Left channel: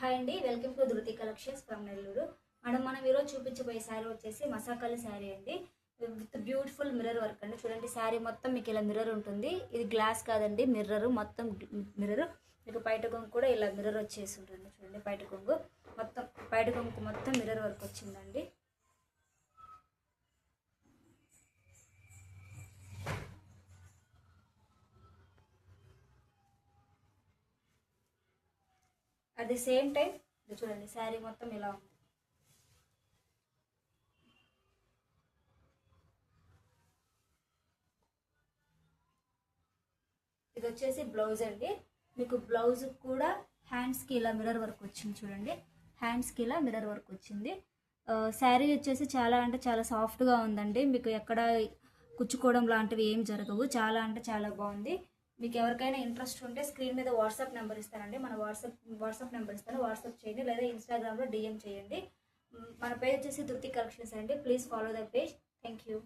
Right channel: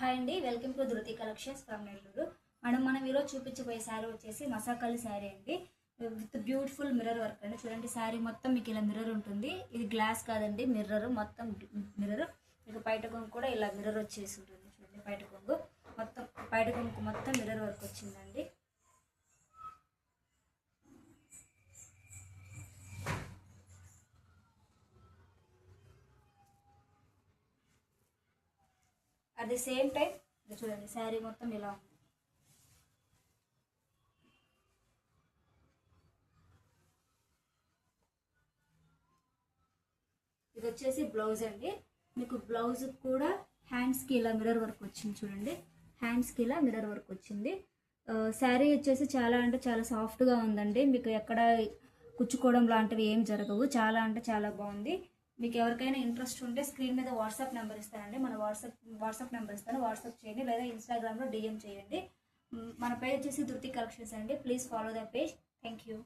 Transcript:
Hi అండి, welcome to ధృతి collections from Nellore. మనం ఈరోజు చూపించబోయే శారీ వచ్చేసి మసాకలి శారీ అండి, విత్ బ్యూటిఫుల్ మిర్రర్ వర్క్ అండి. చూడండి, శారీ మొత్తం మీకు ఇలా మిర్రర్ ఉంటుంది. ఇది గ్లాస్ కాదండి, మిర్రర్ మొత్తం మిర్రర్. మీకు బయట కొంగు కూడా ఇలా మిర్రర్ వచ్చేసి ఉంటుంది. చూడండి, బయట కొంగు మొత్తం మిర్రర్ వర్క్ వచ్చిందండి. అట్ ది సేమ్ టైం చూడండి, శారీ మొత్తం ఇలా ఉంది. ఇది వచ్చేసి బ్లౌజ్ అండి. మీకు బ్లౌజ్ కూడా హ్యాండ్స్కి ఇలా మిర్రర్ వర్క్ వచ్చింది. చూడండి, హ్యాండ్స్కి ఇలా మిర్రర్ వర్క్ వచ్చింది. శారీ వచ్చేసి చాలా అంటే చాలా సాఫ్ట్గా ఉందండి. మీకు ఎక్కడ కుచ్చుకోవడం లాంటివి ఏం జరగవు. చాలా అంటే చాలా బాగుంది. మీకు ఎవరికైనా ఇంట్రెస్ట్ ఉంటే స్క్రీన్ మీద వాట్సాప్ నెంబర్ ఇస్తానండి. మన వాట్సాప్ నెంబర్ ఇస్తాను, వాట్సాప్ చేయండి, లేదా ఇన్స్టాగ్రామ్లో డిఎం చేయండి. మన పేజ్ వచ్చేసి ధృతి కలెక్షన్స్ అండి. Please follow the page. Thank you.